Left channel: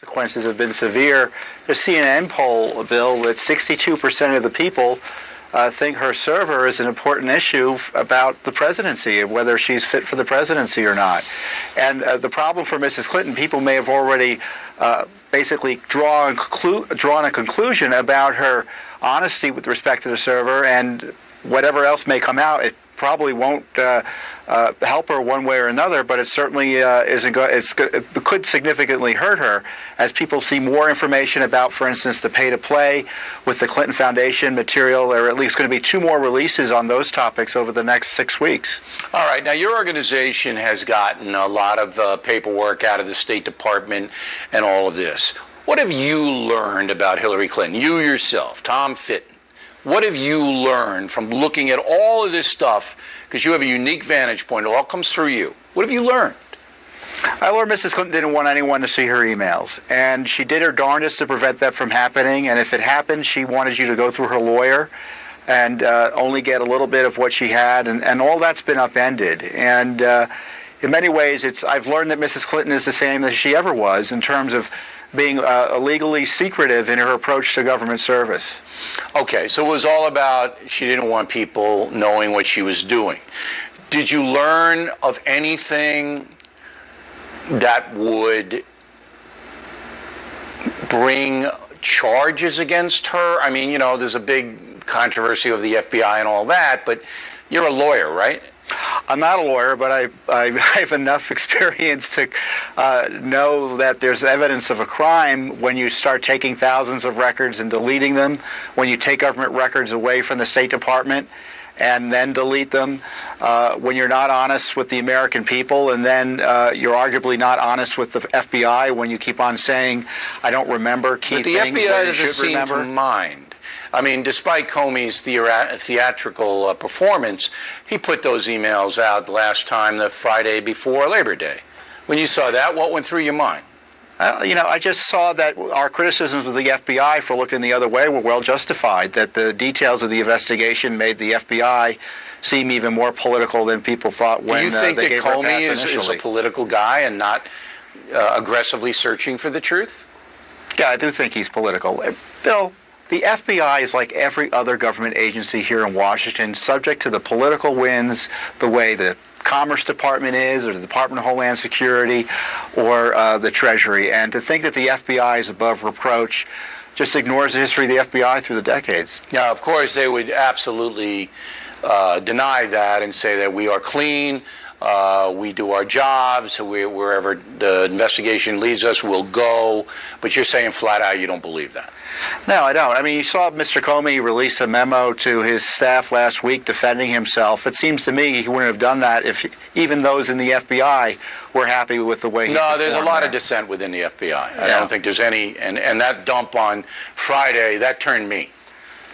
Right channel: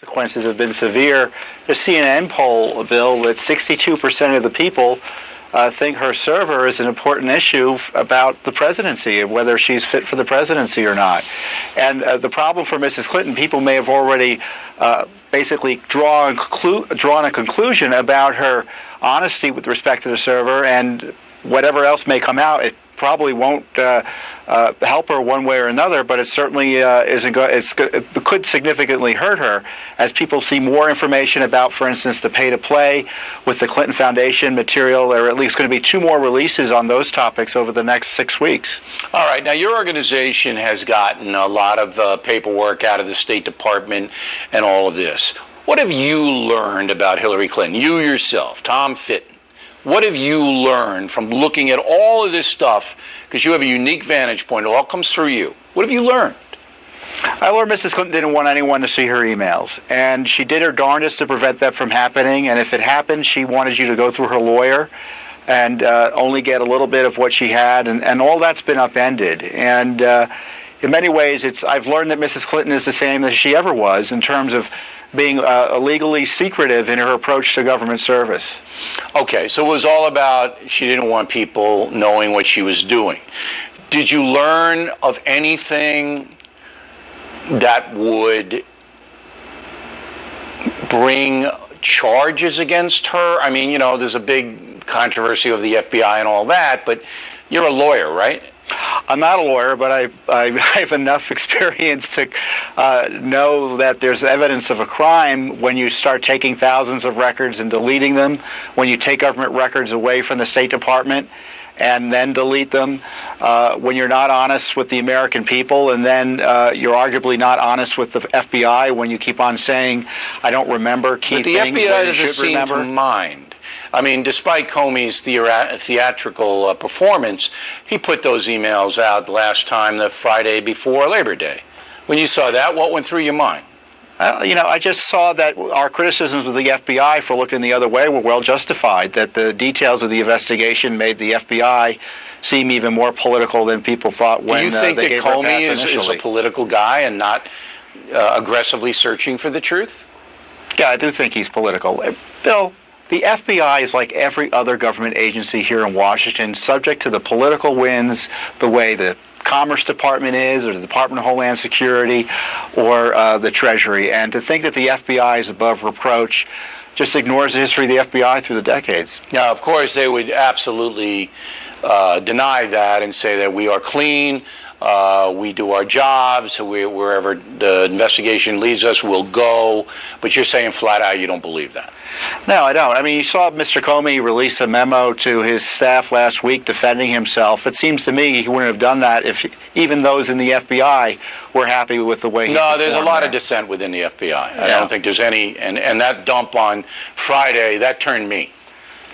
Consequences have been severe. The CNN poll, Bill, that 62% of the people think her server is an important issue about the presidency and whether she's fit for the presidency or not. And the problem for Mrs. Clinton, people may have already basically drawn a conclusion about her honesty with respect to the server, and whatever else may come out, it probably won't help her one way or another, but it certainly it could significantly hurt her as people see more information about, for instance, the pay-to-play with the Clinton Foundation material. There are at least going to be 2 more releases on those topics over the next 6 weeks. All right. Now, your organization has gotten a lot of paperwork out of the State Department and all of this. What have you learned about Hillary Clinton? You yourself, Tom Fitton. What have you learned from looking at all of this stuff? Because you have a unique vantage point. It all comes through you. What have you learned? I learned Mrs. Clinton didn't want anyone to see her emails, and she did her darndest to prevent that from happening. And if it happened, she wanted you to go through her lawyer and only get a little bit of what she had, and all that's been upended. And in many ways, I've learned that Mrs. Clinton is the same as she ever was in terms of being illegally secretive in her approach to government service. Okay, so it was all about she didn't want people knowing what she was doing. Did you learn of anything that would bring charges against her? I mean, you know, there's a big controversy of the FBI and all that, but you're a lawyer, right? I'm not a lawyer, but I have enough experience to know that there's evidence of a crime when you start taking thousands of records and deleting them, when you take government records away from the State Department and then delete them, when you're not honest with the American people, and then you're arguably not honest with the FBI when you keep on saying, I don't remember key things that you should remember. But the FBI doesn't seem to mind. I mean, despite Comey's theatrical performance, he put those emails out last time, the Friday before Labor Day. When you saw that, what went through your mind? I just saw that our criticisms of the FBI for looking the other way were well justified, that the details of the investigation made the FBI seem even more political than people thought when they gave her a pass initially. Do you think that Comey is a political guy and not aggressively searching for the truth? Yeah, I do think he's political. Bill, the FBI is like every other government agency here in Washington, subject to the political winds, the way the Commerce Department is, or the Department of Homeland Security, or the Treasury. And to think that the FBI is above reproach just ignores the history of the FBI through the decades. Now, of course, they would absolutely deny that and say that we are clean, we do our jobs, wherever the investigation leads us, we'll go. But you're saying flat out you don't believe that. No, I don't. I mean, you saw Mr. Comey release a memo to his staff last week defending himself. It seems to me he wouldn't have done that if even those in the FBI were happy with the way he performed. No, there's a lot of dissent within the FBI. I don't think there's any, and that dump on Friday, that turned me.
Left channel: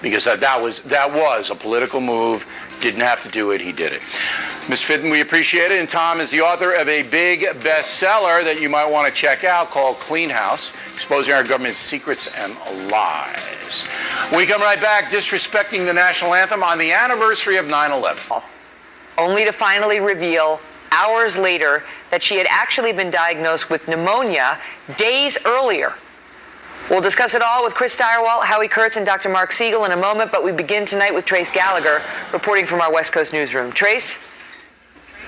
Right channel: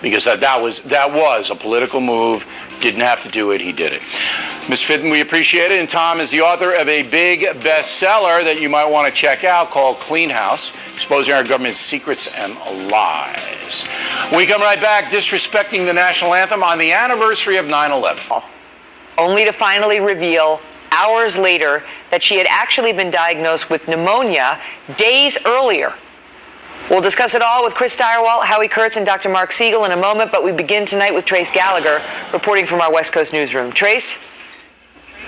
Because that was a political move. Didn't have to do it. He did it. Ms. Fitton, we appreciate it. And Tom is the author of a big bestseller that you might want to check out called Clean House, Exposing Our Government's Secrets and Lies. When we come right back, disrespecting the national anthem on the anniversary of 9/11. Only to finally reveal hours later that she had actually been diagnosed with pneumonia days earlier. We'll discuss it all with Chris Steyerwalt, Howie Kurtz, and Dr. Mark Siegel in a moment, but we begin tonight with Trace Gallagher reporting from our West Coast newsroom. Trace?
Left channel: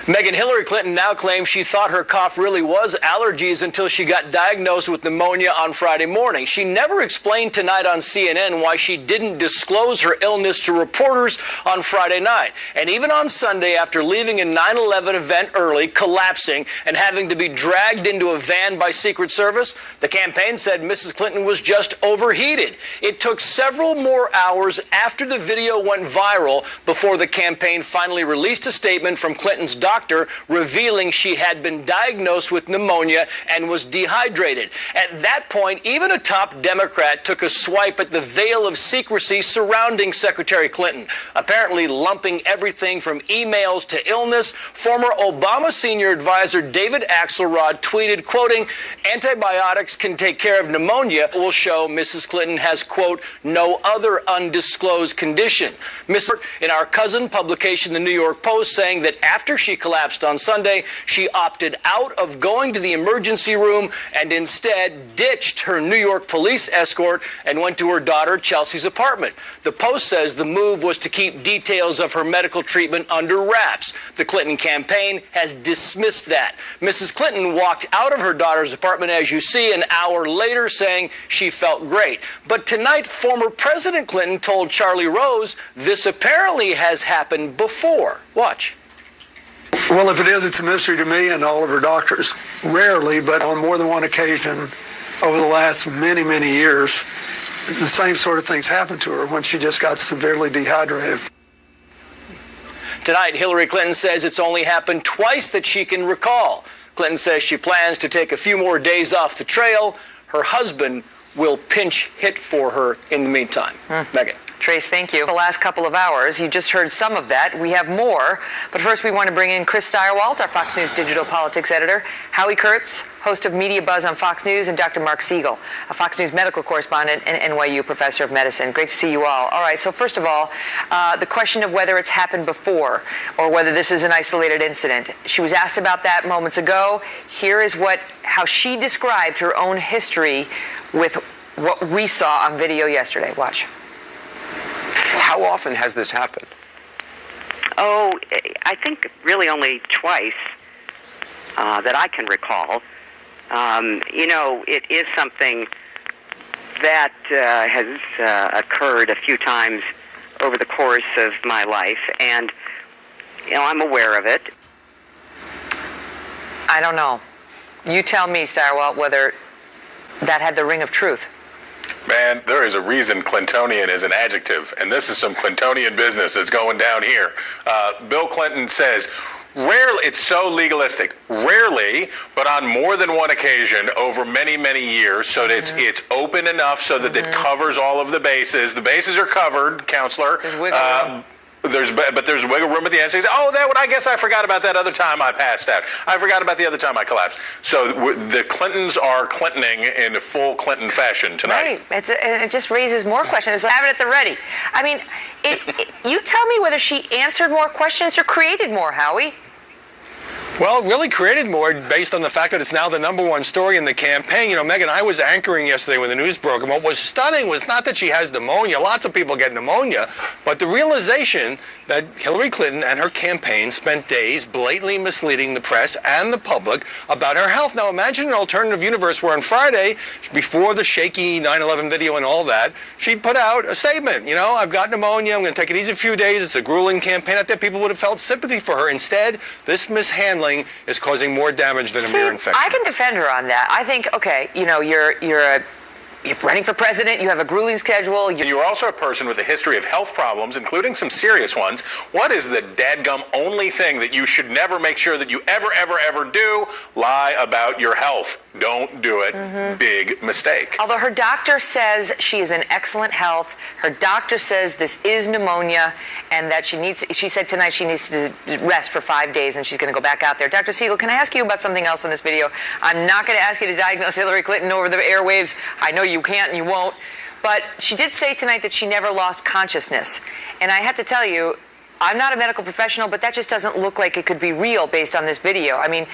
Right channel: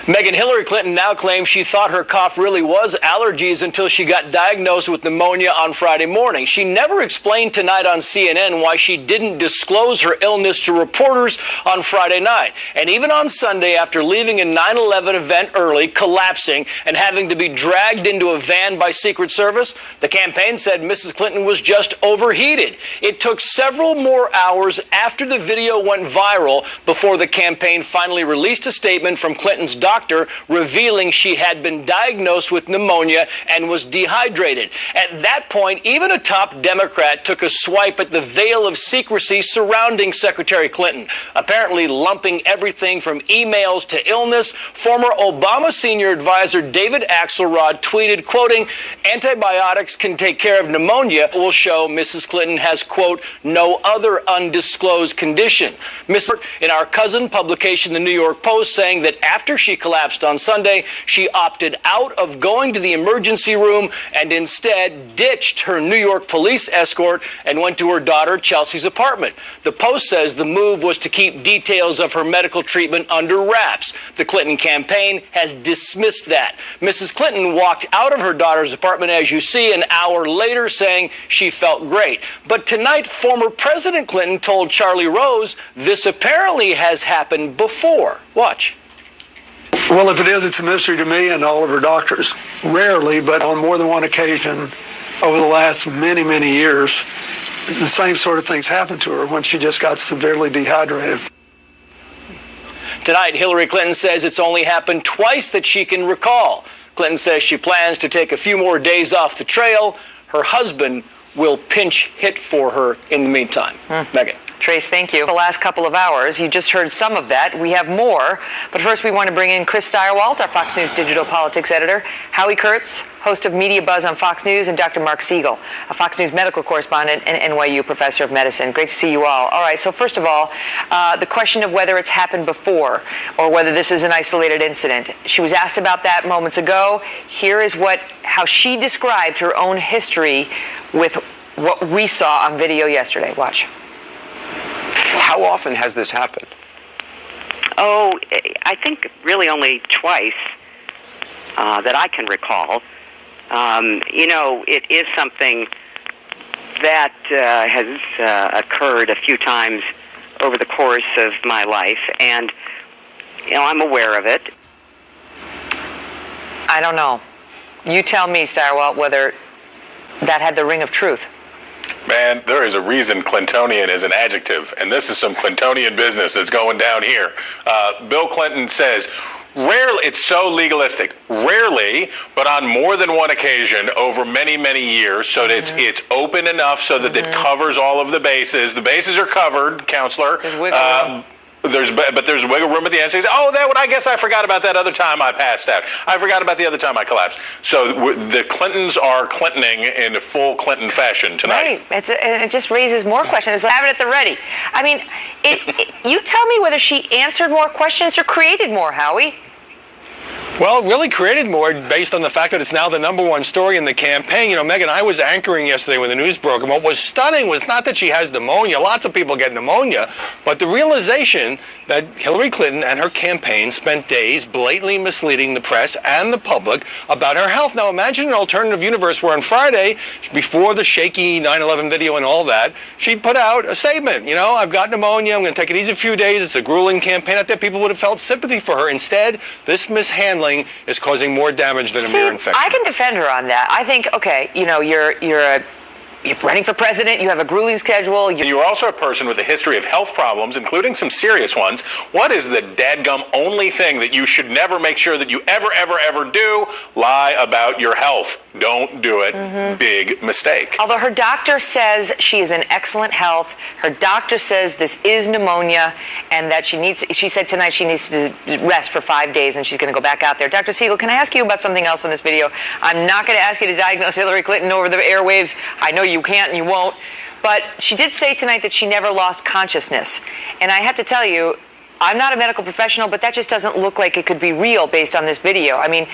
Megan, Hillary Clinton now claims she thought her cough really was allergies until she got diagnosed with pneumonia on Friday morning. She never explained tonight on CNN why she didn't disclose her illness to reporters on Friday night. And even on Sunday, after leaving a 9/11 event early, collapsing, and having to be dragged into a van by Secret Service, the campaign said Mrs. Clinton was just overheated. It took several more hours after the video went viral before the campaign finally released a statement from Clinton's doctor revealing she had been diagnosed with pneumonia and was dehydrated. At that point, even a top Democrat took a swipe at the veil of secrecy surrounding Secretary Clinton, apparently lumping everything from emails to illness. Former Obama senior advisor David Axelrod tweeted, quoting, "Antibiotics can take care of pneumonia. Will show Mrs. Clinton has, quote, no other undisclosed condition." In our cousin publication, the New York Post, saying that after she collapsed on Sunday, she opted out of going to the emergency room and instead ditched her New York police escort and went to her daughter Chelsea's apartment. The Post says the move was to keep details of her medical treatment under wraps. The Clinton campaign has dismissed that. Mrs. Clinton walked out of her daughter's apartment, as you see, an hour later, saying she felt great. But tonight, former President Clinton told Charlie Rose this apparently has happened before. Watch. Well, if it is, it's a mystery to me and all of her doctors. Rarely, but on more than one occasion over the last many, many years, the same sort of things happened to her when she just got severely dehydrated. Tonight, Hillary Clinton says it's only happened twice that she can recall. Clinton says she plans to take a few more days off the trail. Her husband will pinch hit for her in the meantime. Megan. Trace, thank you. The last couple of hours, you just heard some of that. We have more. But first, we want to bring in Chris Stirewalt, our Fox News digital politics editor, Howie Kurtz, host of Media Buzz on Fox News, and Dr. Mark Siegel, a Fox News medical correspondent and NYU professor of medicine. Great to see you all. All right, so first of all, the question of whether it's happened before or whether this is an isolated incident. She was asked about that moments ago. Here is how she described her own history with what we saw on video yesterday. Watch. How often has this happened? Oh, I think really only twice that I can recall. It is something that has occurred a few times over the course of my life, and, I'm aware of it. I don't know. You tell me, Stirewalt, whether that had the ring of truth. Man, there is a reason Clintonian is an adjective, and this is some Clintonian business that's going down here. Bill Clinton says, rarely, it's so legalistic, rarely, but on more than one occasion over many, many years, so that it's open enough so that it covers all of the bases. The bases are covered, counselor. There's wiggle room at the end. So I guess I forgot about that other time I passed out. I forgot about the other time I collapsed. So the Clintons are Clintoning in full Clinton fashion tonight. Right. It just raises more questions. Have it at the ready. I mean, you tell me whether she answered more questions or created more, Howie. Well, really created more based on the fact that it's now the #1 story in the campaign. Megan, I was anchoring yesterday when the news broke, and what was stunning was not that she has pneumonia. Lots of people get pneumonia, but the realization that Hillary Clinton and her campaign spent days blatantly misleading the press and the public about her health. Now, imagine an alternative universe where on Friday, before the shaky 9/11 video and all that, she put out a statement. I've got pneumonia. I'm going to take it easy a few days. It's a grueling campaign out there. People would have felt sympathy for her. Instead, this mishandling is causing more damage than a mere infection. I can defend her on that. I think, okay, you're running for president, you have a grueling schedule. You're also a person with a history of health problems, including some serious ones. What is the dadgum only thing that you should never make sure that you ever do? Lie about your health. Don't do it. Big mistake. Although her doctor says she is in excellent health, her doctor says this is pneumonia and that she said tonight she needs to rest for 5 days and she's going to go back out there. Dr. Siegel, can I ask you about something else in this video? I'm not going to ask you to diagnose Hillary Clinton over the airwaves. I know you can't and you won't. But she did say tonight that she never lost consciousness. And I have to tell you, I'm not a medical professional, but that just doesn't look like it could be real based on this video. I mean,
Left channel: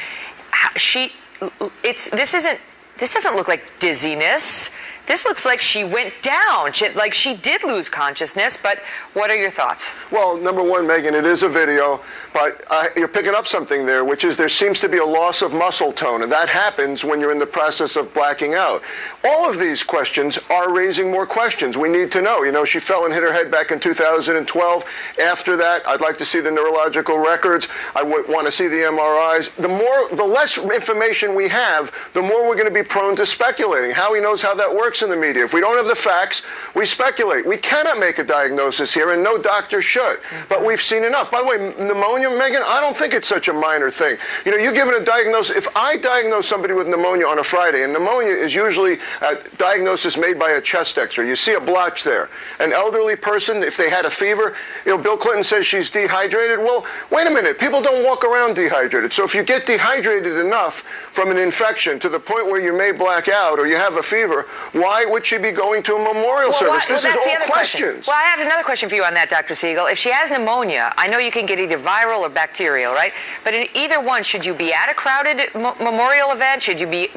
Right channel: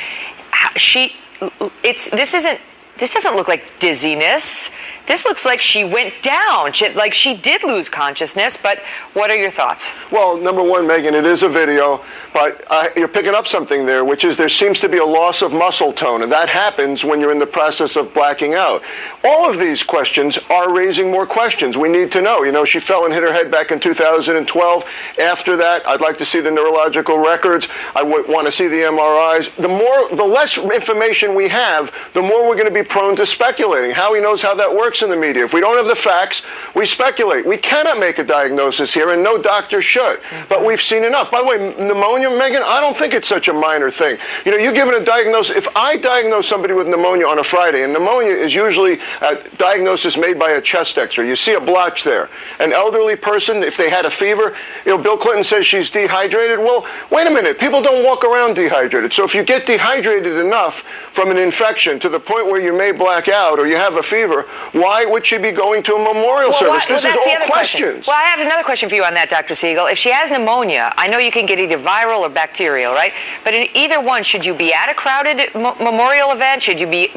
this doesn't look like dizziness. This looks like she went down, like she did lose consciousness, but what are your thoughts? Well, number one, Megan, it is a video, but you're picking up something there, which is there seems to be a loss of muscle tone, and that happens when you're in the process of blacking out. All of these questions are raising more questions. We need to know. She fell and hit her head back in 2012. After that, I'd like to see the neurological records. I would want to see the MRIs. The less information we have, the more we're going to be prone to speculating. Howie knows how that works in the media. If we don't have the facts, we speculate. We cannot make a diagnosis here, and no doctor should. But we've seen enough. By the way, pneumonia, Megan, I don't think it's such a minor thing. You're given a diagnosis. If I diagnose somebody with pneumonia on a Friday, and pneumonia is usually a diagnosis made by a chest x-ray, you see a blotch there. An elderly person, if they had a fever, Bill Clinton says she's dehydrated. Well, wait a minute. People don't walk around dehydrated. So if you get dehydrated enough from an infection to the point where you may black out or you have a fever, Why would she be going to a memorial service? This is all questions. Well, I have another question for you on that, Dr. Siegel. If she has pneumonia, I know you can get either viral or bacterial, right? But in either one, should you be at a crowded memorial event? Should you be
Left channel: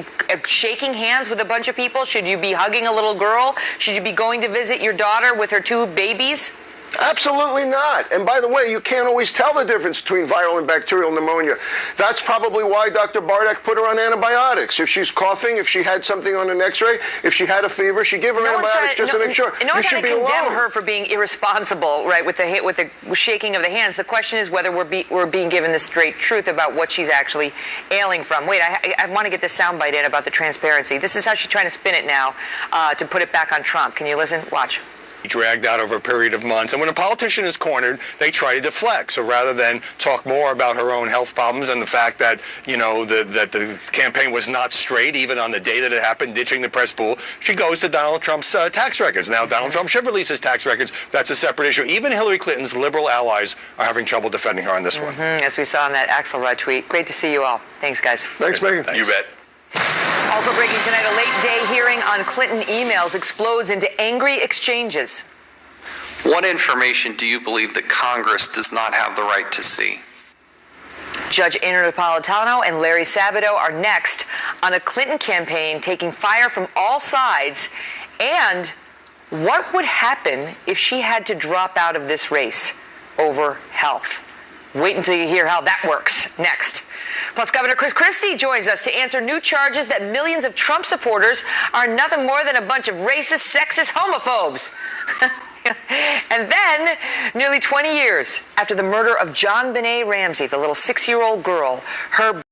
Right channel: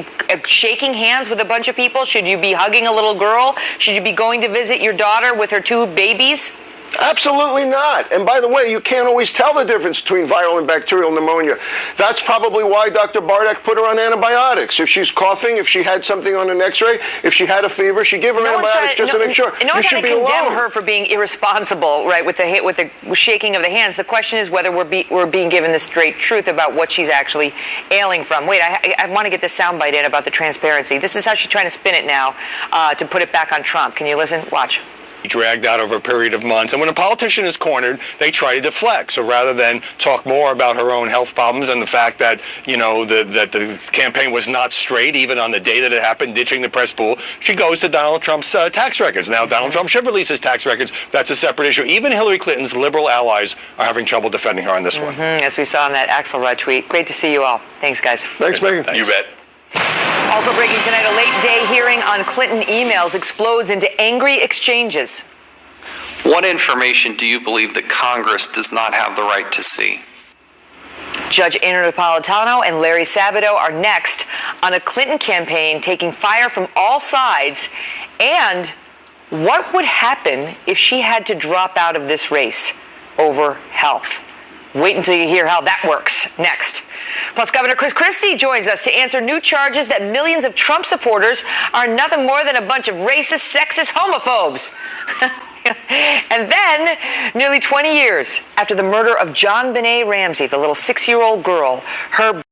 shaking hands with a bunch of people? Should you be hugging a little girl? Should you be going to visit your daughter with her 2 babies? Absolutely not. And by the way, you can't always tell the difference between viral and bacterial pneumonia. That's probably why Dr. Bardak put her on antibiotics. If she's coughing, if she had something on an x-ray, if she had a fever, she give her antibiotics just to make sure. No one's trying to condemn her for being irresponsible, right, with the shaking of the hands. The question is whether we're being given the straight truth about what she's actually ailing from. Wait, I want to get this soundbite in about the transparency. This is how she's trying to spin it now to put it back on Trump. Can you listen? Watch. Dragged out over a period of months. And when a politician is cornered, they try to deflect. So rather than talk more about her own health problems and the fact that, you know, that the campaign was not straight, even on the day that it happened, ditching the press pool, she goes to Donald Trump's tax records. Now, Donald Trump should release his tax records. That's a separate issue. Even Hillary Clinton's liberal allies are having trouble defending her on this one. As we saw in that Axelrod tweet. Great to see you all. Thanks, guys. Thanks, Megan. Thanks. You bet. Also breaking tonight, a late-day hearing on Clinton emails explodes into angry exchanges. What information do you believe that Congress does not have the right to see? Judge Andrew Napolitano and Larry Sabato are next on a Clinton campaign taking fire from all sides. And what would happen if she had to drop out of this race over health? Wait until you hear how that works next. Plus, Governor Chris Christie joins us to answer new charges that millions of Trump supporters are nothing more than a bunch of racist, sexist homophobes. And then, nearly 20 years after the murder of John Benet Ramsey, the little 6-year-old girl, her